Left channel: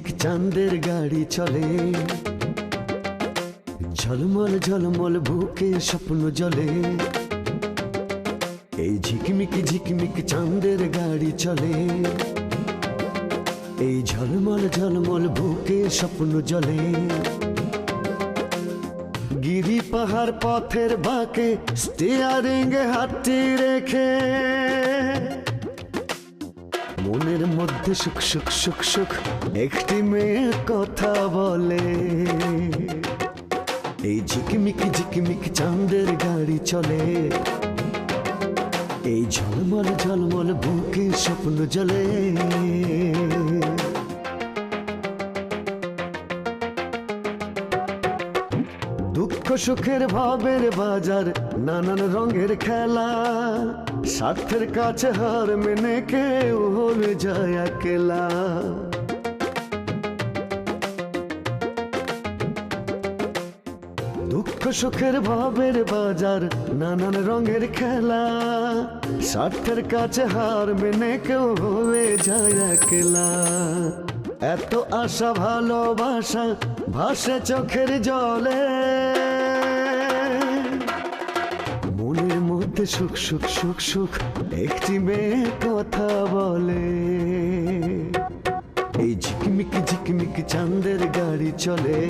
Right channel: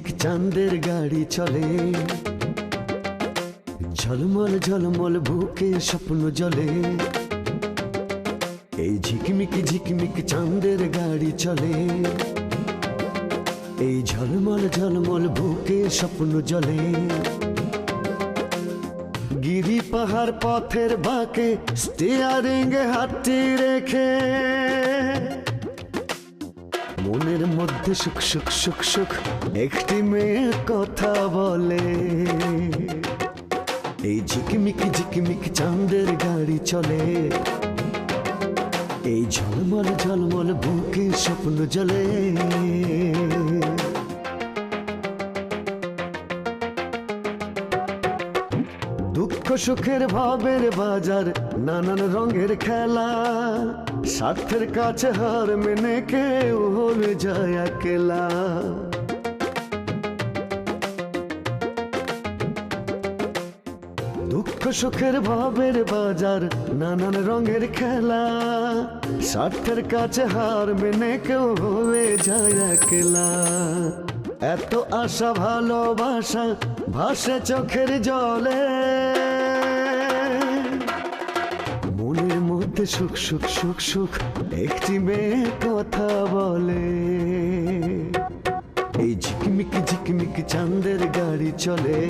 ঝিকমিক চাঁদের গাড়ি চলে, ঝলমল ঝলমল বুকে স্বপ্ন জলে। এই ঝিকমিক ঝিকমিক চাঁদের গাড়ি চলে, এই ঝলমল ঝলমল বুকে স্বপ্ন জলে। গিরি পাহাড় পথের বাঁকে স্টিয়ারিং হাতটি রেখে মনের মধ্যে সুখ সুখ সুখ সুখ একটি মেয়ে কথা বলে। এই ঝিকমিক ঝিকমিক চাঁদের গাড়ি চলে, এই ঝলমল ঝলমল বুকে স্বপ্ন জলে। দুঃখ সুখের ভাবের বাজার, নানান রঙের খেলা, স্বার্থের কাছে হার মেনে কেউ হয়ে যায় একলা। দুঃখ সুখের ভাবের বাজার, নানান রঙের খেলা, স্বার্থের কাছে হার মেনে কেউ হয়ে যায় একলা। এত আশা ভালোবাসা ভাসে চোখের জলে, মনের মধ্যে সুখ সুখ সুখ সুখ একটি মেয়ে কথা বলে। এই ঝিকমিক ঝিকমিক চাঁদের গাড়ি চলে,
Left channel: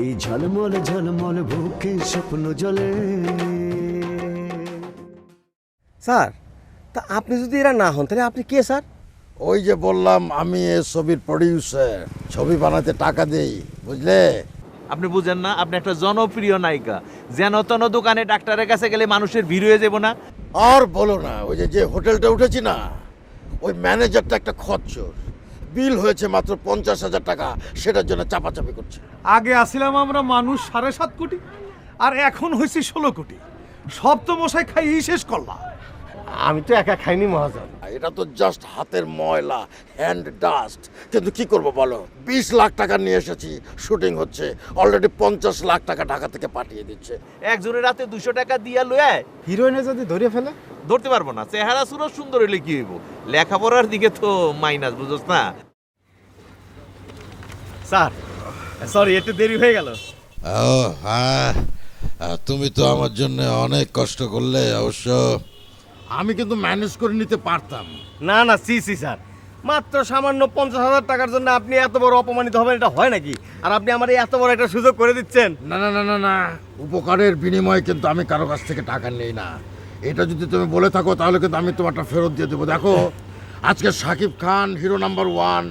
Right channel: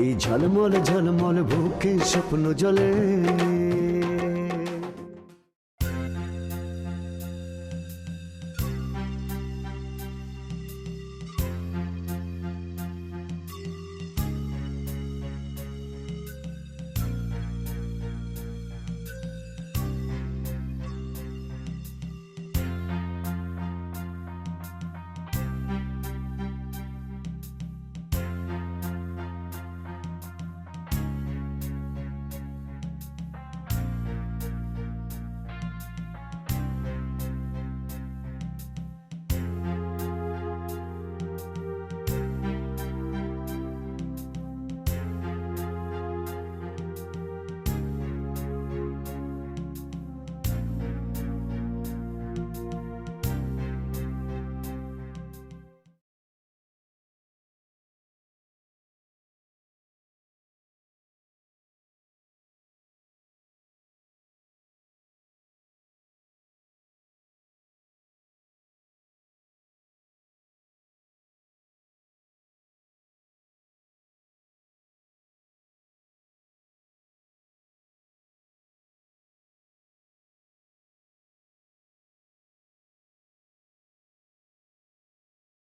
এই ঝলমল ঝলমল বুকে স্বপ্ন জলে। স্যার, তা আপনি যদি এরা না হন তাহলে আপনি কে স্যার? ওই যে বললাম আমি এই ছবির প্রডিউসার, ছবি বানাতে টাকা দেই, বুঝলে? আপনি বুঝেন না, আপনি একটা জনপ্রিয় নায়িকা। যেন তেন দোকানে ডাক্তারের কাছে গেলে মানুষের ভিড় হয়ে যাবো না। আর বলো না, ওই যে হোটেলটা উঠেছি না, ওই ম্যানেজারটা একটা খচ্চর। বিল হয়েছে মাত্র 50,000 টাকা, সেটার জন্য চাপাচাপি করছে। আগে আসিলাম আমরা মানুষ 7.5 কোটি, আর এখন হয়েছে 16 কোটি। সব তো মশাই খাইয়েই শেষ করলাম। আমি তো একা খাইনি মহাজন। এটা তো জাস্ট হাতের ময়লা, হ্যান্ড ডাস্ট। কিন্তু কি করব বলো, 20 লাখ টাকা নিয়ে এসেছি, শুটিং হচ্ছে, অলরেডি 50 লাখ টাকা ঢাকা থেকে পাঠিয়ে দিচ্ছে। একজনের রাতে 200 টাকা দিয়া লয়ে হিরোইনে যদি ধরে ফেলে? ধরতে পারবো না। চেহারা সুরত সুন্দর হইলে কি হইব, লেখাপড়ার দিকে তো মাইনাস, বুঝছ না? স্যার সরি, একটু দেরি হয়ে গেল। ও হ্যাঁ, তুমি তো আমার জন্য অনেক কষ্ট করলে। অবশ্য আমি কিন্তু ম্যানেজ করে নিতে পারতাম। না না, সি স্যার, মাত্র সামান্য 50,000 টাকার জন্য আপনি এত বড় অপমানিত হবেন, এটা হয় নাকি? আর আপনি আমার এত বড় একটা সুযোগ করে দিচ্ছেন। না না না না না, উপকারের বিনিময়ে কিন্তু আমি কারো কাছ থেকে টাকা নেই না। এটা যদি তুমি বলে থাকো তাহলে কিন্তু আমি তোমারটা ফেরত দিয়ে দেবো। দেখো, আজকে শাকিব খান হিরো নাম্বার 1,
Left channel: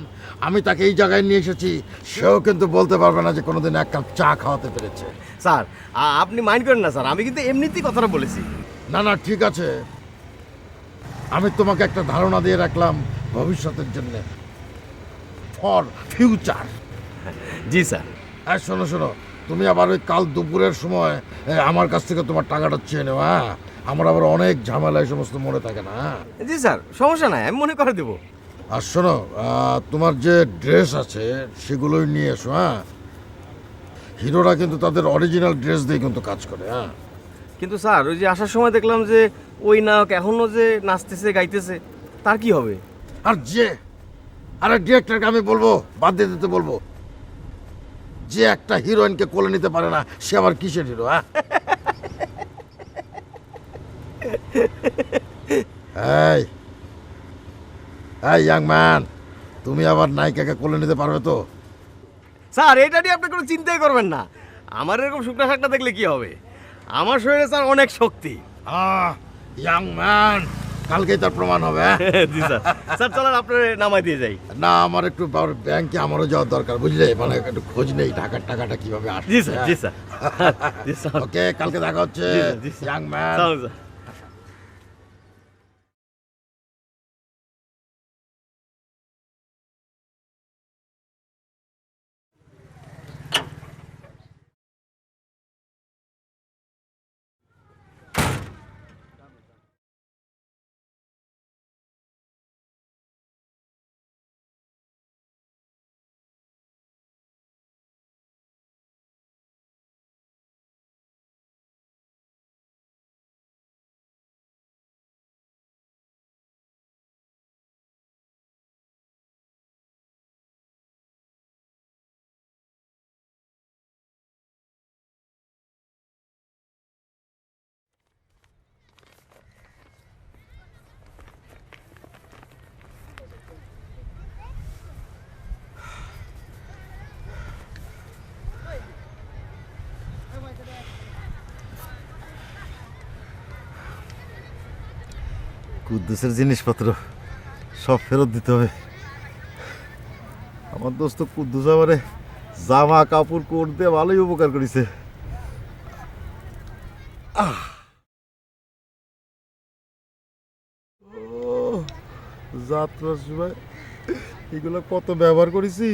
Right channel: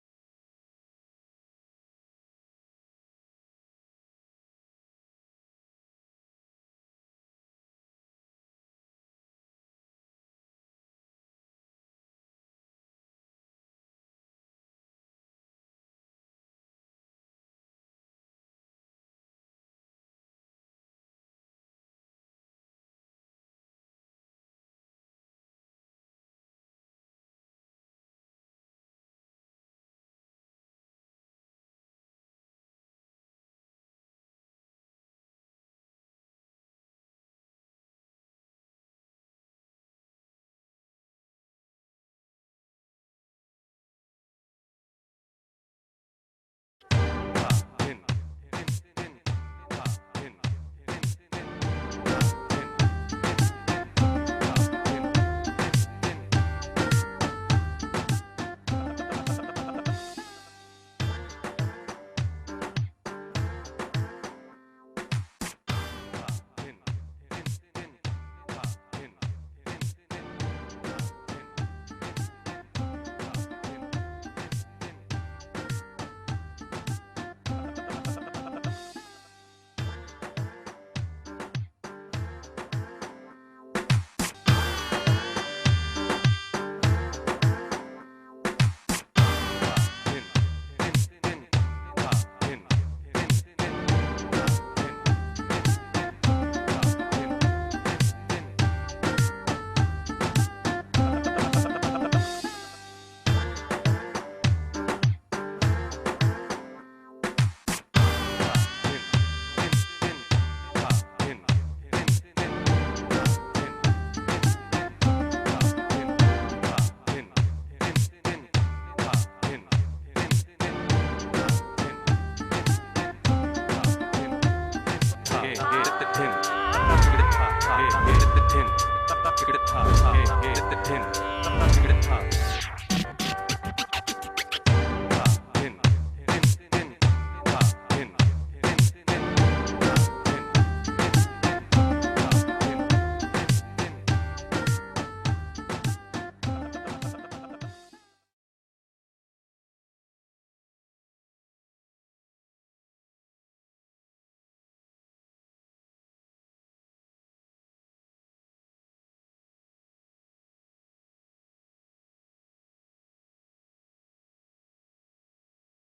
আমি তাকে এই জায়গায় নিয়ে এসেছি, সেও কিন্তু বলতে পারবে না যে কোনোদিন এক কাপ চা খাওয়াতে পেরেছে। স্যার আপনি মাইন্ড করেন না স্যার, আমি কিন্তু এমনিতেই কথাটা বলেছি। না না ঠিক আছে, আমি তোমাকে একটা ধারণা দিয়ে রাখলাম ভবিষ্যতের জন্য, ফর ফিউচার। G sir. হ্যাঁ শোনো শোনো, তুমি আবার ওই কাল দুপুরের সময় আমার কাছ থেকে তোমার টাকাটা চেয়ে নেও। হ্যাঁ, আমার আবার অনেক ঝামেলা এই সমস্ত মনে থাকে না। জি স্যার, সমস্যা নাই, আমি মনে করে দেবো। আর শোনো, তোমার যে ড্রেস আছে সেগুলোই নিয়ে এসো। হ্যাঁ, হিরোরা কিন্তু তাদের অরিজিনাল ড্রেস দিয়ে কিন্তু কাজ করে। হ্যাঁ, কিন্তু স্যার ওই যে আসার সময় দেখলাম যে ওই নায়ক এখনো যে নাচতেছে গাইতেছে, তার কি হবে? আরে ডিরেক্টরকে আমি বলবো বাদ দিয়ে দিতে বলবো। যে একটা হিরোইনকে কোলে নিতে পারে না, সে আবার কিসের হিরো? হ্যাঁ, এই ইয়াং ম্যান, তুমি আবার নায়িকাকে কোলে নিতে পারবে তো? স্যার এটা নিয়ে আপনি কোনো চিন্তাই করবেন না, আমার এরকম শুকনা শাকটা দেখলে কি হবে? আমার শরীরে স্যার অনেক শক্তি। ইয়াং ম্যান, কালকেই তার প্রমাণ হবে। জি স্যার। স্যার চলেন আপনার নামাই দিয়ে যাই। না, আমার একটু ব্যাংকে আমারও যাওয়ার দরকার, বুঝলে? মানে একটু খোঁজ নেই টাকার টাকাটা কিভাবে আসছে। জি স্যার, জি স্যার। জি স্যার। ওকে, কালকে দেখা হচ্ছে ইয়াং ম্যান। চলুন স্যার। কুদ্দুসের জিনিসপত্র সব ফেরত দিতে হবে। আমার দোস্ত কুদ্দুস আমারে জামা কাপড় কোট দিয়ে ভালোই উপকার করেছে। যাত্রার সময় এগুলো কত ব্যবহার করেছি।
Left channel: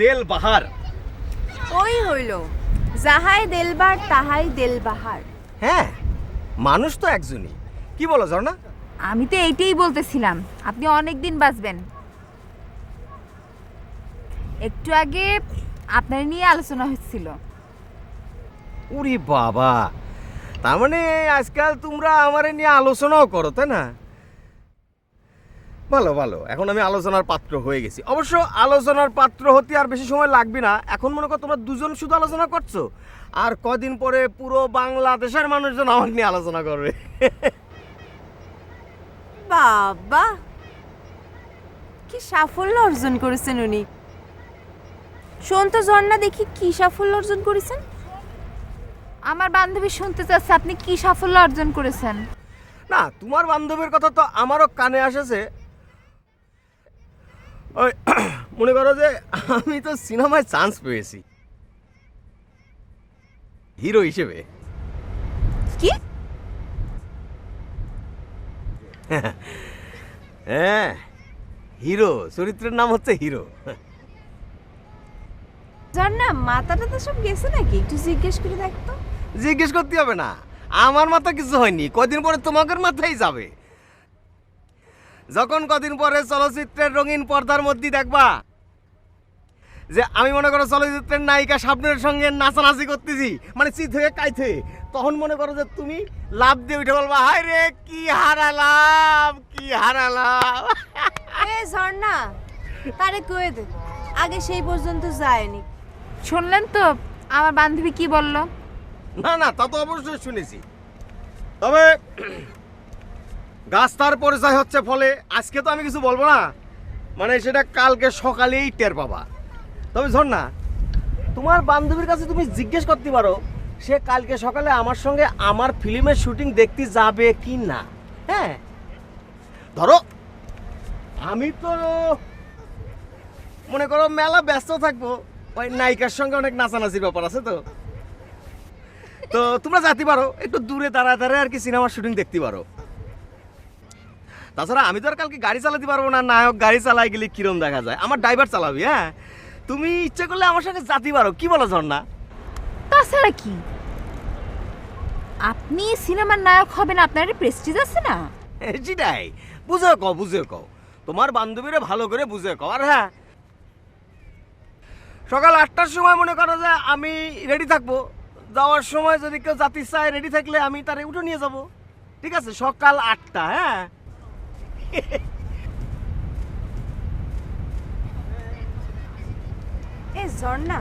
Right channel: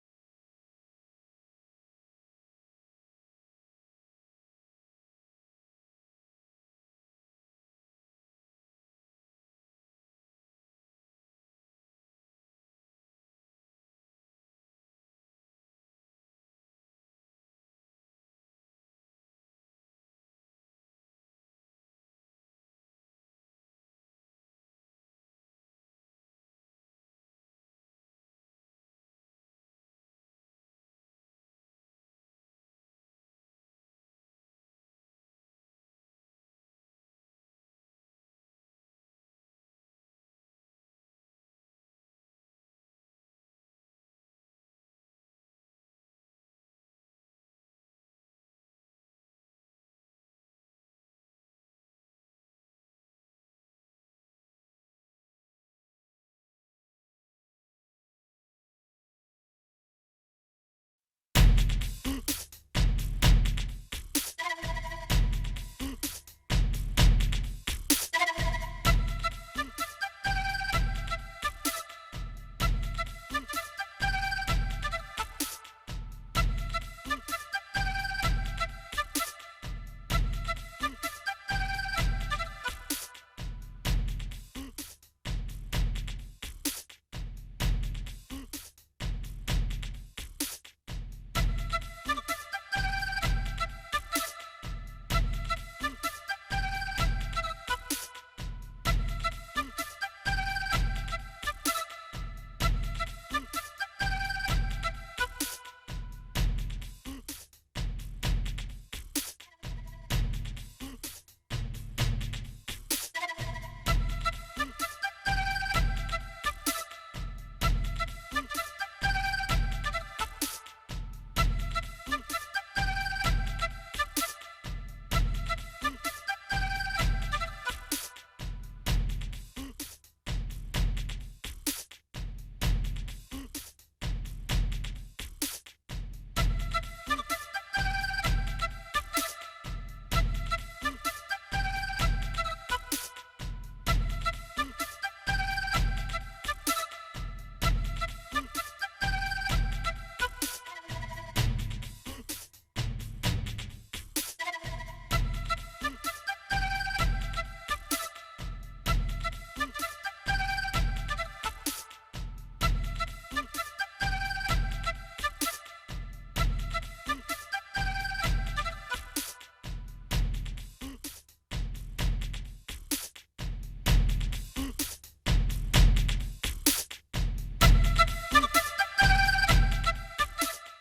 দেল বাহার। ওই হইল যাহাই দেলবার তাহাই দেলবাহার। হ্যাঁ, মানুষ তো একজনই। কি বলো ঝর্ণা? আমি তো এইটাই বলতেছিলাম, আপনি অনেক দিন বাঁচবেন। একটু আগে আপনার নিয়ে আলোচনা হচ্ছিল। উরি বাবা, তার মানে আজকাল তোমরা আমারে নিয়ে আলোচনাও করো, তাই না? ভালো ভালো, এখন আমি আলোচনার পাত্র হয়ে গেছি। অবশ্য আলোচনার পাত্র হতে আর বেশি সময় লাগবে না। এখন মনে করো তোমরা দুজন শুধু আলোচনা করছো, আর কদিন পরে পুরো বাংলাদেশের মানুষজন আমার নিয়ে আলোচনা করবে। বাবা, কি সাফল্য অর্জন করেছেন উনি। শোন তো ঝর্ণা, দেখি কি সাফল্য অর্জন করেছেন। আমার বান্ধবী শুনতে চাচ্ছে আপনি কি সাফল্য অর্জন করেছেন। না, তোমার বান্ধবীর কথা তো আমারও কানে আসেছে। ওই মনে করো যে আমি তো সিনেমায় চান্স পেয়েছি হিরো হিসেবে। কি? হ্যাঁ, হিরো, চরিত্রের নাম হচ্ছে হিরো। ঝর্ণা, মাথাটা তো সব গেছে নাকি? একটু জিজ্ঞেস করে দেখতো। জিজ্ঞেস করতে হবে না, আমার মাথা কিছু হয়নি। কদিন পরে তোমাদের মাথায় যাবে। যখন কদিন পরে চলচ্চিত্রের রঙিন পর্দার মধ্যে দেখবা যে আমি মনে করো চলচ্চিত্রের নায়িকা শাবনূরের সঙ্গে নাচানাচি করতেছি, মানে চিত হয়ে কাইতে, তখন মনে করো যে তুমি লাভ দিয়ে উঠে বলবা, হায় রে কি হারালাম, কি হারালাম। এ ঝর্ণা, আরে কয়ে দে, আগে সেই পর্যন্ত যায়নি। শুনলেন তো আমার বান্ধবী কি বলল? না না, তা তো অবশ্যই শুনেছি। তবে গাছ তার পরিচয় হচ্ছে ফলে। আজকে তো আমি কিছু বলবো না, মানে সেটা কালকে সকালেই টের পাবা। তবে ঝর্ণা, তোমার বান্ধবীর কাছে তুমি জিজ্ঞেস করতে পারো সে কালকে সকালে আমার সঙ্গে আমার ফিল্মের শুটিং দেখতে যাবে কি না। হ্যাঁ, ধরো আমি তো মনে করো মেলা ব্যস্ত থাকবো, ওই নায়িকার সঙ্গে অনেক নাচানাচির ব্যাপার আছে। তো তো তোমরা যেতে পারো, একটু দূরে দাঁড়ায় দাঁড়ায় আর কি সিনেমার শুটিং দেখতে পারো। তাছাড়া আমি তো আর কালকে গাড়ি চালাতে পারবো না। নায়ক গাড়ি চালাই গেলে কিরম দেখা যায়, আমার ড্রাইভার চালাবি। হ্যাঁ, তুমি ইচ্ছা করলে আমার সঙ্গে যেতে পারো। কি বলো ঝর্ণা? তাছাড়া কি, আপনি সিনেমার নায়ক হবেন, আপনার প্রেস্টিজ আছে না? সেটাই, বুঝে কও, বুঝে কও, তোমার বান্ধবীরে ভালো করে বুঝে কও। আর হ্যাঁ, সকাল 8টার সময় মনে করো যে আমি রেডি থাকবো। যাওয়ার সময় যদি কেউ জাতি চায়, রেডি থাকলে আমি তারে উঠে নিয়ে যাব। ঠিক আছে, সকাল 8টা। হ্যাঁ, ঝর্ণা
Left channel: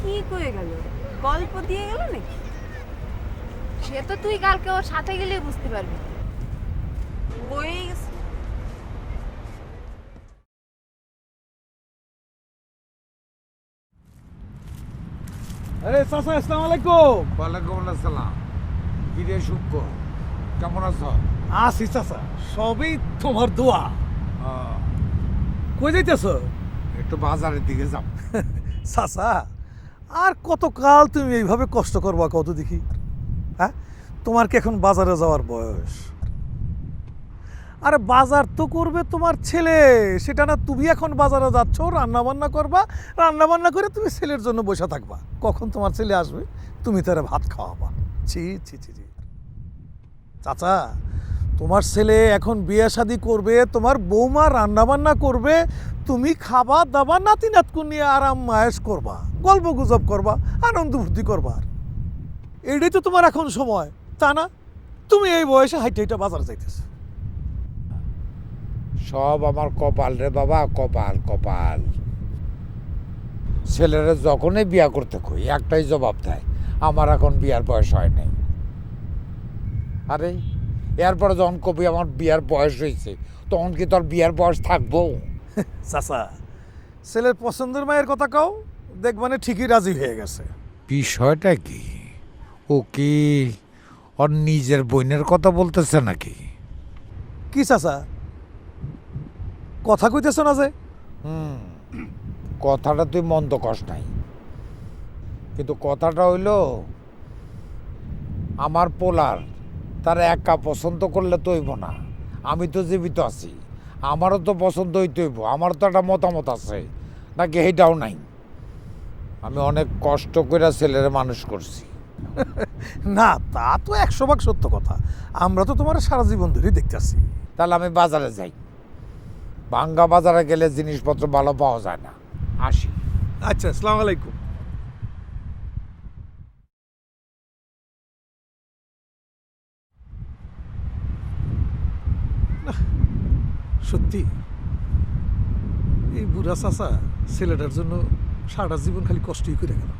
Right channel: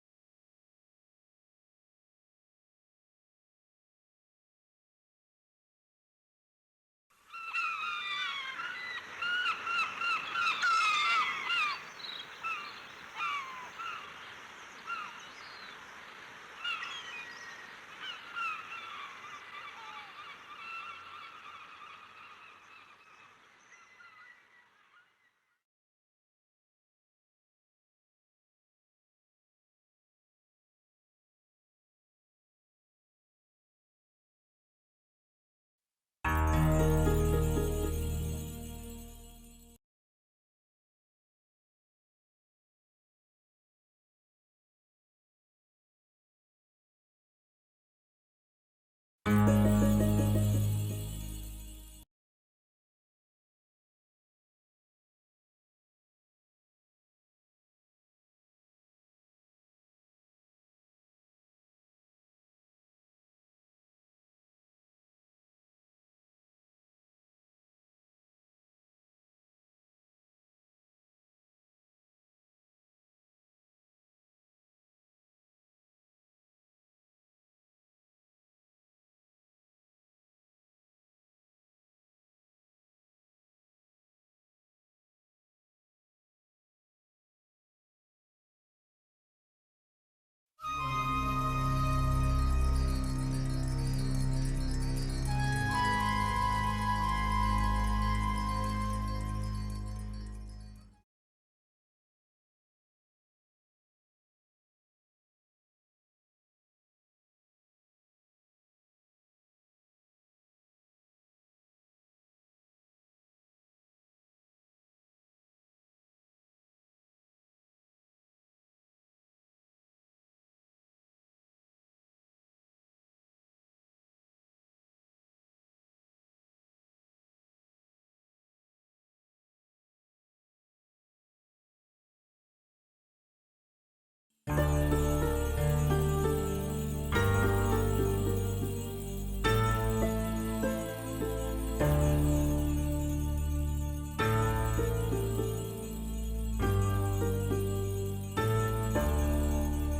কি কয়ে গেল? গল্প দিয়ে গেল নাকি? সে তো তুই কালকে ওর সাথে গেলে বুঝতে পারবি। বই আরে চাচা, আসসালামু আলাইকুম। ওয়ালাইকুম আসসালাম। কিরে শুক্র, কেমন আছো? আসি চাচা, সবই তোমার দোয়া। কই যাইতেছ? একটু বাজারের দিকে যাও। চাচা, আর কতকাল তুমি এইভাবে কষ্ট করবা কত দেখি? হ্যাঁ, তোমার কি এখন বাজারে যাওয়ার বয়স? আরে বাজার তো করবে তোমার ছেলে, সেটা না তুমি এখন বাজারে যাচ্ছ, রান্না বান্না করবা, রান্না বান্না করে তুমি ছেলের জন্য বসে থাকবা। কখন তোমার ছেলে আসবে তুমি তারা ভাত খাওয়াবা। ছি ছি ছি ছি। চাচা, তোমার ছেলে এখন বিয়ে শাদি করবে, তোমার বৌমা রান্না বান্না করবে, তুমি খাবা দাবা, নাতি নাতকু নিয়ে আরাম মায়েশ করবা, গল্প গুজব করবা, আনন্দ ফুর্তি করবা। এটাই তো তোমার এখন সময়, তা না? তুমি এই বয়সে হাইটে হাইটে বাজারে যাইতেছ। সব আমার কপাল রে বাবা, কপাল কপাল। ছেলেরা যখনই বিয়া করতে কই একটাই জবাব দেয়, আমার এখন বিয়ার বয়স হয় নাই। আরে এরপরে যখন কবি আমার বিয়ার বয়স হয়েছে, তখন কি তোর বিয়ার বয়স থাকবো? চাচা, ছেলের পছন্দের মায়ের কথা কও, দেখবানে ঠিকই রাজি হয়ে গেছে। বিষয়টা কি? ও কি ওর নিজের বোনের কথা বলতেছে নাকি? কি চাচা, কথা কইতেছ না যে? কথাটা তুই মন্দ কস নাই, কিন্তু কথাটা হইল আমার পোলার তার একা পছন্দ করলে তো হইব না। আমি তো জীবিত আছি, আমারও তো পছন্দ হইতে হইব, আমারও তো একটা মতামত আছে নাকি? এইটাও নাই। আমি অনেক কষ্ট করে ছেলেরে মানুষ করছি। না, তা তো 100% সত্য কথা। আমরা তো তোমার সারা জীবন ধরেই দেখতেছি। তাহলে আমি বাজারে যাই। ভাঙ্গা বাজারে গেলে জিনিসপত্র ভালো পাওয়া যায় না। আসি। আচ্ছা, আসসালামু আলাইকুম। সত্যি এই বুড়া চাচা ছেলেটার জন্য সারা জীবন খালি কষ্টই করে গেল।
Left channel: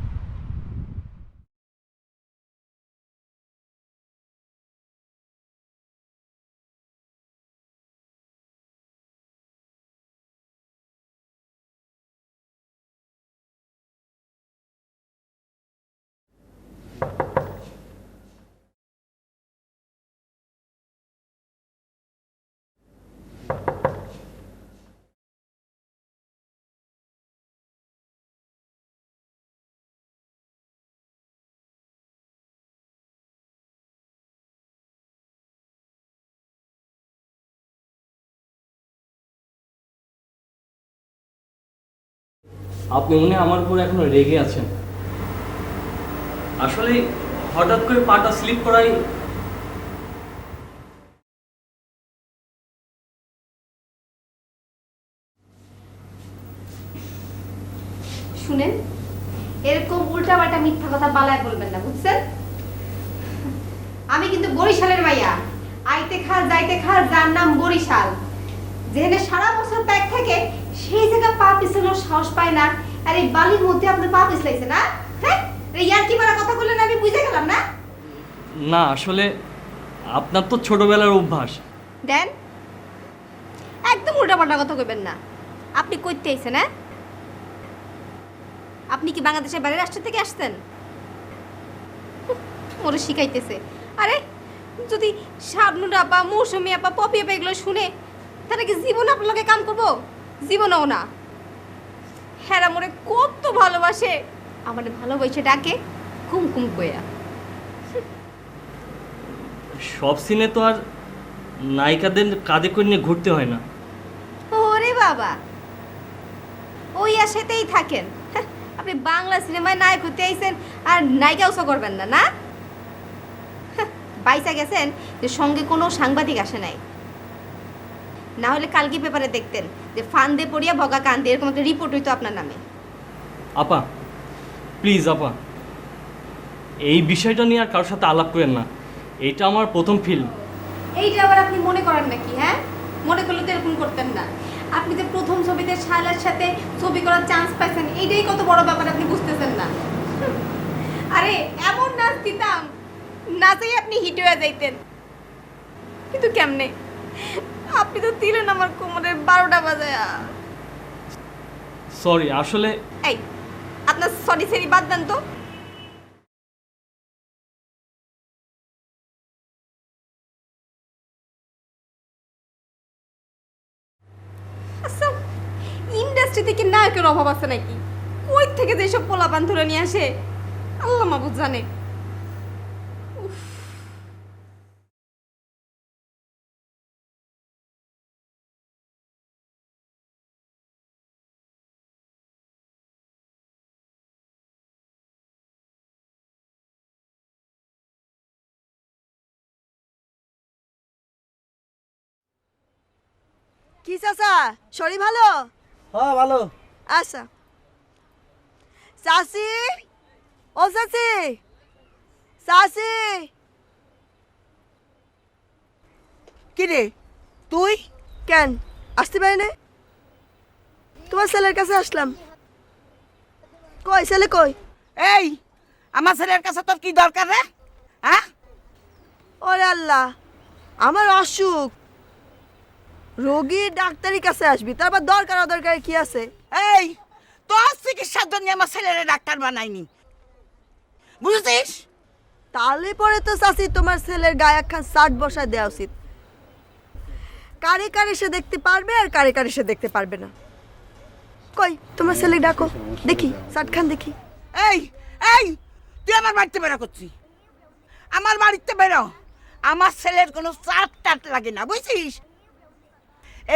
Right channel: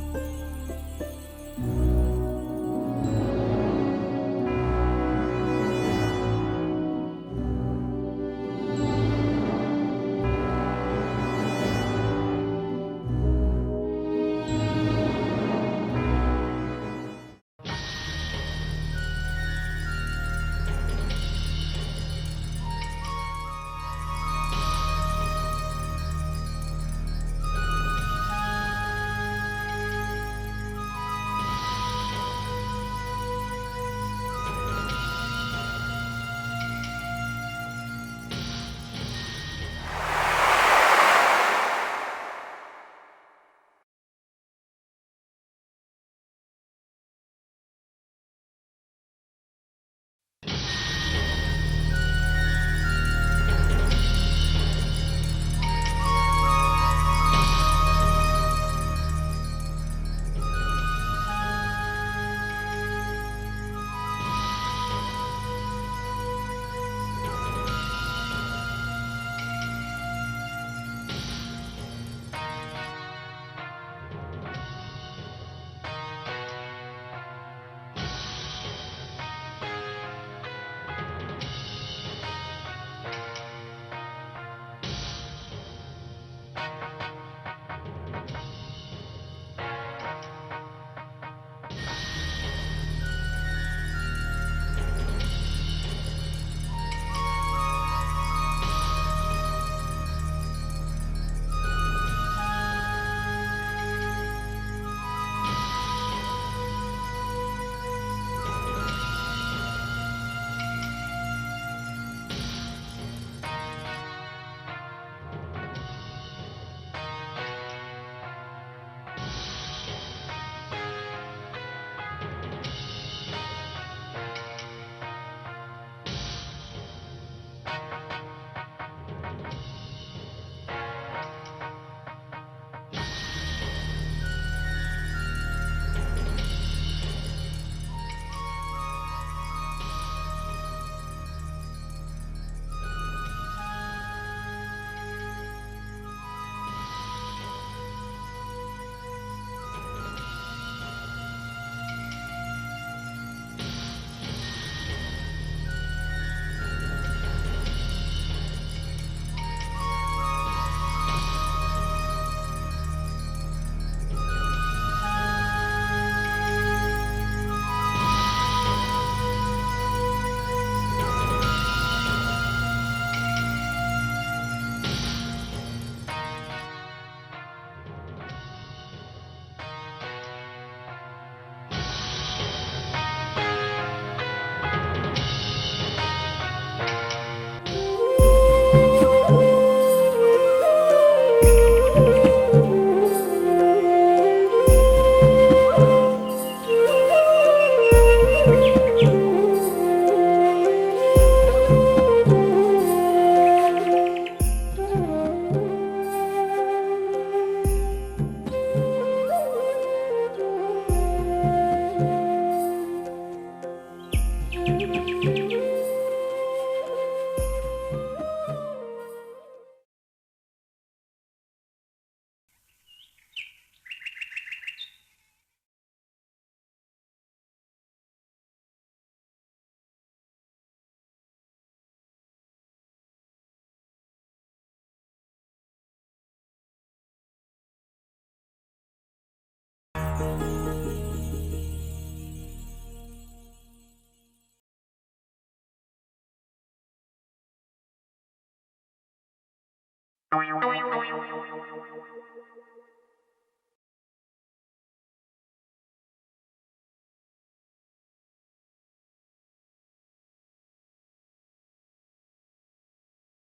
আপনি মনে হয় আমার উপর এখনো রেগে আছেন। আসলে হঠাৎ করে পাটা স্লিপ করাই শুনেন, এরকম উল্টাপাল্টা মিথ্যা কথা বালায় করবেন না, বুঝছেন? আমি কিন্তু বরিশালের মাইয়া, আইতে খা যাইতে খা, যার নাম বরিশাল। যেখানে সারা বছর ত্যাগ থেকে সেই জায়গা পা পিছানোর সাহস পায় না, আর এই বালির মধ্যে আপনার পা পিছলাইছে না? হ্যাঁ, ইয়ার্কি মারা কথা বললেন, আমি বুঝে গেলাম না। না, আসলে আপনার তো ছোটবেলার অভ্যাস। দেন, একদম উল্টাপাল্টা কথা কইবেন না। আপনি কইতে আইছেন? হ্যাঁ, আপনি কি বাংলাদেশের বাইরের রাষ্ট্র থেকে আসছেন? ওরে শিখাইতেছে। আরে যদি শাবনূর আপা, মৌসুমী আপা, পপি আপা এগুলো শুনে, তারা কি জীবন আপনার লগে কাম করবো? জীবনও না। হ্যাঁ, মনে কত ভালোবাসে, আমাদের ভালোবাসে ডাকে কুমকুম কইয়া। সব সিনে তো আর নায়িকাদের কাঁধে করে নিয়ে ঘুরতে হয় না। ওরে বাবা, ওই আশাতেই থাকেন। আপনি বাংলা সিনেমায় নায়ক হতে আইছেন আর নায়িকাও করবেন না, না? পাইসা গেছেন যে সঙ্গে কোনো সাংবাদিক আসে নাই, না হলে কালকে পেপারে দেখতেন যে ফান্দে পড়িয়া বগা কান্দে, এরকম একটা রিপোর্ট হইতো আপনার নামে। আপা প্লিজ, আপা এই বিষয়টা নিয়ে আর কারোর সাথে আলাপ করেন না। এটা আমার প্রথম ফিল্ম। এইটা আবার আপনি মনে করেন নাকি? হ্যাঁ, মনে করলে তো এরকম করতেন না। আপনি যে প্রথম ছবিতে শায়লার সাথে ছবি করার চান্স পাইছেন, এইটাই কত বড় ব্যাপার, আপনি বুঝতেছেন না। আরে এমন নাচ দিতাম, নাচেই আপনি হিট হয়ে যাইতেন। কিন্তু কেমনে? আপনি তো দিলেন আমার কোমরের 12টা বাজায়া। সরি, আসলে এই, আপনার সরি সরি বাদ দেন তো। ইন্ডাস্ট্রি থেকে নায়কের অভাব আছে নাকি? ওই থেকে যেসব পোলাপান ধরে নিয়ে আসে, আল্লাহ মাবুদ জানে। শরীর ভালো? ভালো। আচ্ছা চাচি, ও চাচি, চাচি। কি রে তুই কেন আসতে পারি না? তোমার ছেলের কাছে আসলাম। কই ছেলে কই? এই আমার ছেলের কাছে তোর কি দরকার রে? হ্যাঁ? ওরে আল্লাহ, আমার অসুখ, রোগী ডাক্তারের কাছে আসবি, তারপর দরকার অদরকার কি আছে? এই তোর চিকিৎসার জন্য আমার ছেলেরে ডাক্তার বানাইনি, বুঝেছিস? তাহলে পরে তো চাচি তোমার ছেলের গায়ে একখান শার্ট বসায় দেওয়া উচিত। কারে কারে সে দেখতে পারবে আর কারে কারে সে দেখতে পারবে না। কই তোমার ছেলে ডাকো দেখি, শার্ট খান দেখি। এই এই তুই আমার বাড়িতে বেরো করছিস, আমার বাড়িতে বেরো। আমার ছেলের কোনো চাট টাট লাগে না, বুঝছিস?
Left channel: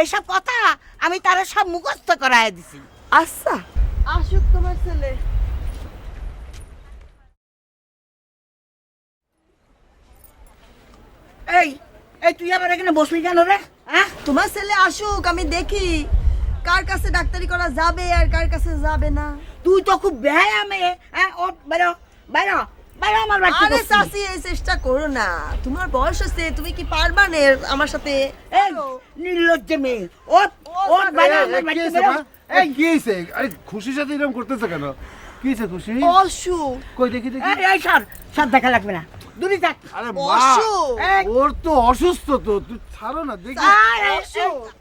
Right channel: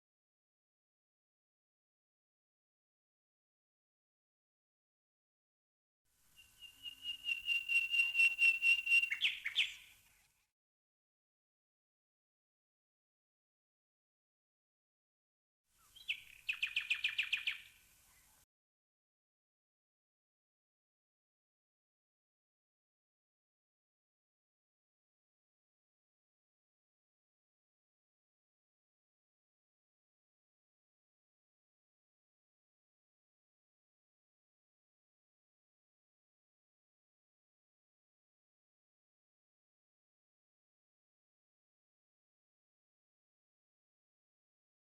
এইসব কথা আমি তারা সব মুখস্থ করায় দিছি। আচ্ছা আসুক তোমার ছেলে। এই এই তুই আবার এখানে বসবি কেন রে? হ্যাঁ, তোমার ছেলে আসুক, আমি দেখি কার কাছে ডাক্তারি করা যাবে আর কার কাছে যাবে না। তুই তো খুব বেহায়া মেয়ে। হ্যাঁ, ও বেরো বেরো বেরো আমার বাড়িতে। আরে বসবি। চাচি এই চেষ্টা করো না, তোমার বয়স হচ্ছে, তুমি কি পারবা না আমার সাথে? এই নির্লজ্জ মেয়ে, ও ও বেরো আমার বাড়িতে বেরো। এই কি হয়েছে? আরে খুশির সাথে এরকম করতেছে কেন? কি হয়েছে খুশি? অসুখ। কই দেখি দেখি। এই সর সর, দেখা লাগবে না, দূরে থাক। আরে অসুখ। ওর তো অসুস্থ তো, তুই ছাড়ো না দেখি।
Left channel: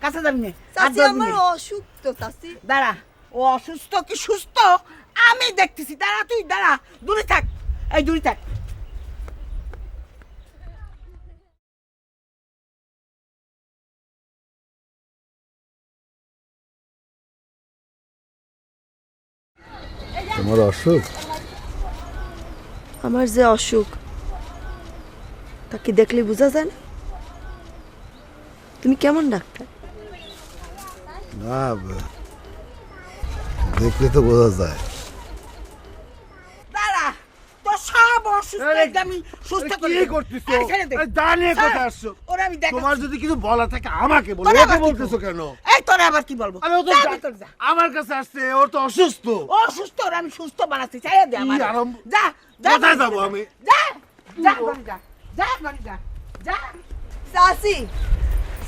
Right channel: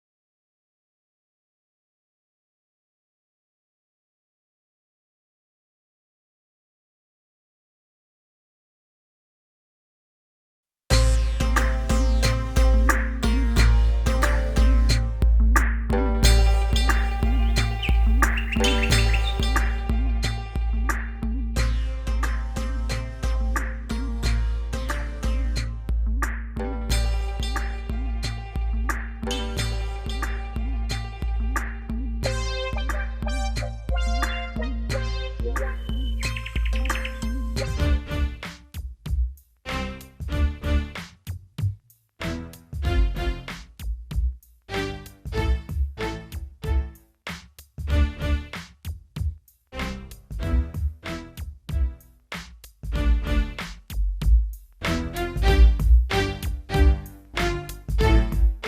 কাছে যাবি না, চাচি আমার অসুখ তো চাচি। দাঁড়া, ও অসুস্থ কি সুস্থ আমি দেখতেছি। দাঁড়া, তুই দাঁড়া, দূরে থাক, এই দূরে থাক। তোমার অসুখ? আমার যে অসুখ তা কি দেখলে বোঝা যায় না? তুমি কেমন ডাক্তার? না, দেখলে তো বোঝা যায়। দাঁড়া, তোর সব অসুস্থ আমি সুস্থ করে কি করছিস তো? ছেড়ে দে। এই দাঁড়িয়ে স্যার, কোথায় আসছো? তোরা আমি দেখাচ্ছি। তোমার যদি কিছু বলা থাকে আমাকে বলো, তোরা ওকে আবার কি বলতেছো কেন? এই তোরা আবার কি বলবো? আরে ও তো যা যা- ভিতর যা। আমার কাছে আসছে, ও তো অসুস্থ। ও সুস্থ, ওর আমি সুস্থ বানাচ্ছি, চাই দে আমার। কি আরম্ভ? যা যা, কোথায় যাবো আমি? যা যা যা যা যা যা। চাচি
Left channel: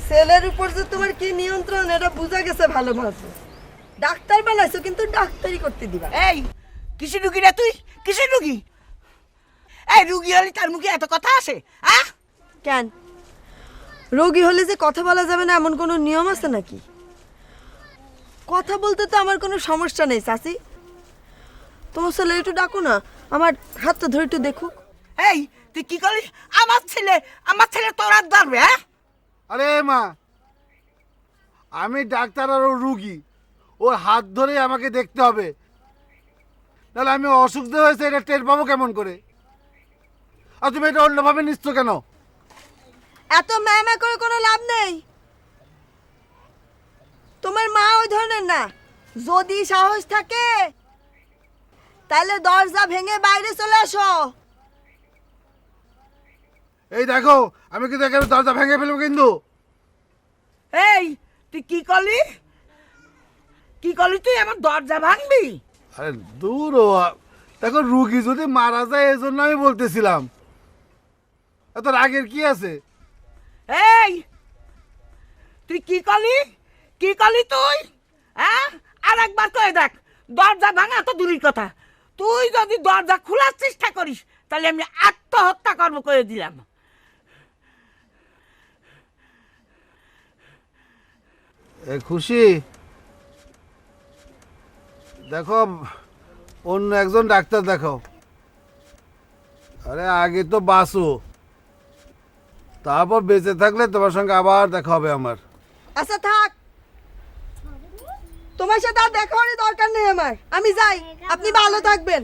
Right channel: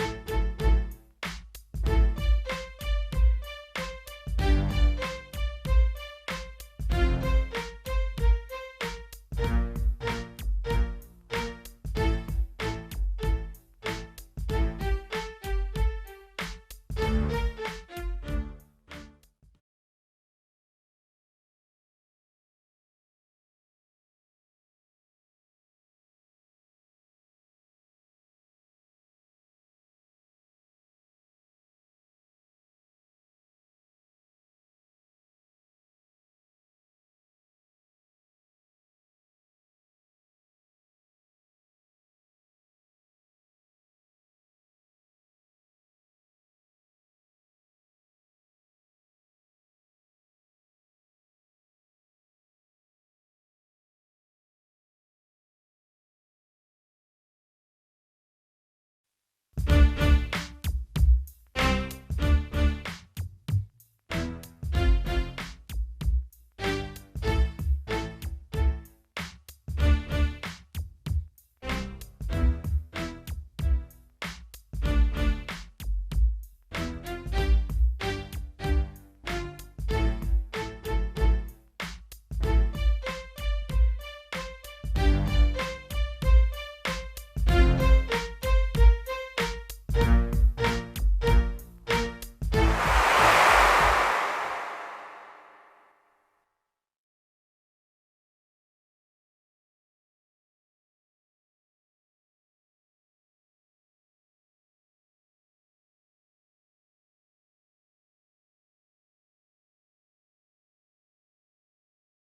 ছেলের উপর যে তোমার কি নিয়ন্ত্রণ এটা বোঝা গেছে ভালোভাবে। ডাক্তার বানাইছো কিন্তু ডাক্তারি করতে দিবা। এই কিসের রুগী রে তুই? কিসের রুগী? এই রুগী হলে তার মুখে এত কথা আসে? হ্যাঁ, কেন রোগী হলে যে কথা বলা যাবে না এমন কোনো নিয়ম আছে নাকি? কথা বলতে তো আমার কোনো সমস্যা নেই চাচি। তোমার ছেলে একটু ডাকো না, আমার হাতটা ধরে একটু দেখুক। এই তুই কি করলি? আমার ছেলে তোর হাত ধরবে? হ্যাঁ, আরে মা, আমি ডাক্তার আর ও রুগী, ওর হাত ধরে আমাকে দেখতে হবে, তাহলে আমি অসুখ যে হয়েছে এটা টের পাবো কেমন করে? আর তুমি এটা অন্যভাবে নিচ্ছ কেন? এত ম্যামা করে কোনো লাভ নেই। তোমার মা ওই ধরনের না। যদি সাহস থাকে তাহলে দরজা ভেঙে বাইরে চলে আসো। এই দেখো, আমি কিন্তু এখানে দরজা ভেঙে ফেলবো কিন্তু। এই তুই কি করলি? কি করলি তুই? আমার দরজা ভাঙবি? আরে দূর ও, দেখো রুগী যদি মারা যায় এই জন্য আমি বলতেছিলাম। এত রাগের কি আছে? এই তুই কি করলি? কি করলি তুই? হ্যাঁ, আর একবার কয়ে দেখ, দরজা ভাঙা তো দূরের কথা, তুই যদি দরজা খোলার চেষ্টা করিস তাহলে আমি আত্মহত্যা করবো করে দিলাম। খুশি, দেখো অন্য একজন ডাক্তার দেখাও। আরে আগে তো বাঁচো, তারপর বেঁচে থাকলে তোমার সঙ্গে আবার দেখা হবে আমার। আচ্ছা থাক, তোমার সাথে আর দেখা হওয়ার দরকার নেই আমার, আমি যাই, আপনি ভালো থাকবেন।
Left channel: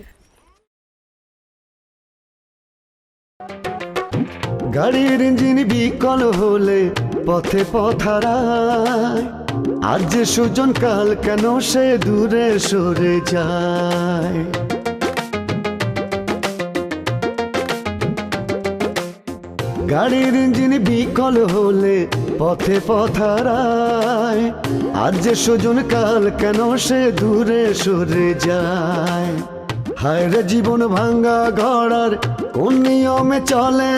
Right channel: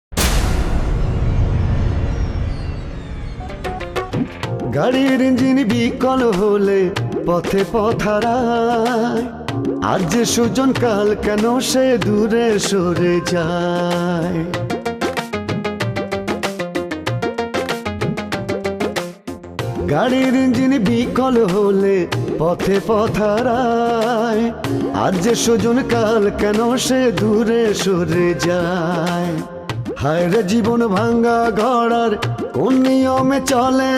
গাড়ির ইঞ্জিন বিকল হলে পথে পথারায়, আজ যে সুজন কাল কেন সে দূরে সরে যায়। গাড়ির ইঞ্জিন বিকল হলে পথে পথারায়, আজ যে সুজন কাল কেন সে দূরে সরে যায়। হায় রে জীবন ভাঙ্গা ঘোড়ার কোন নিয়মে চলে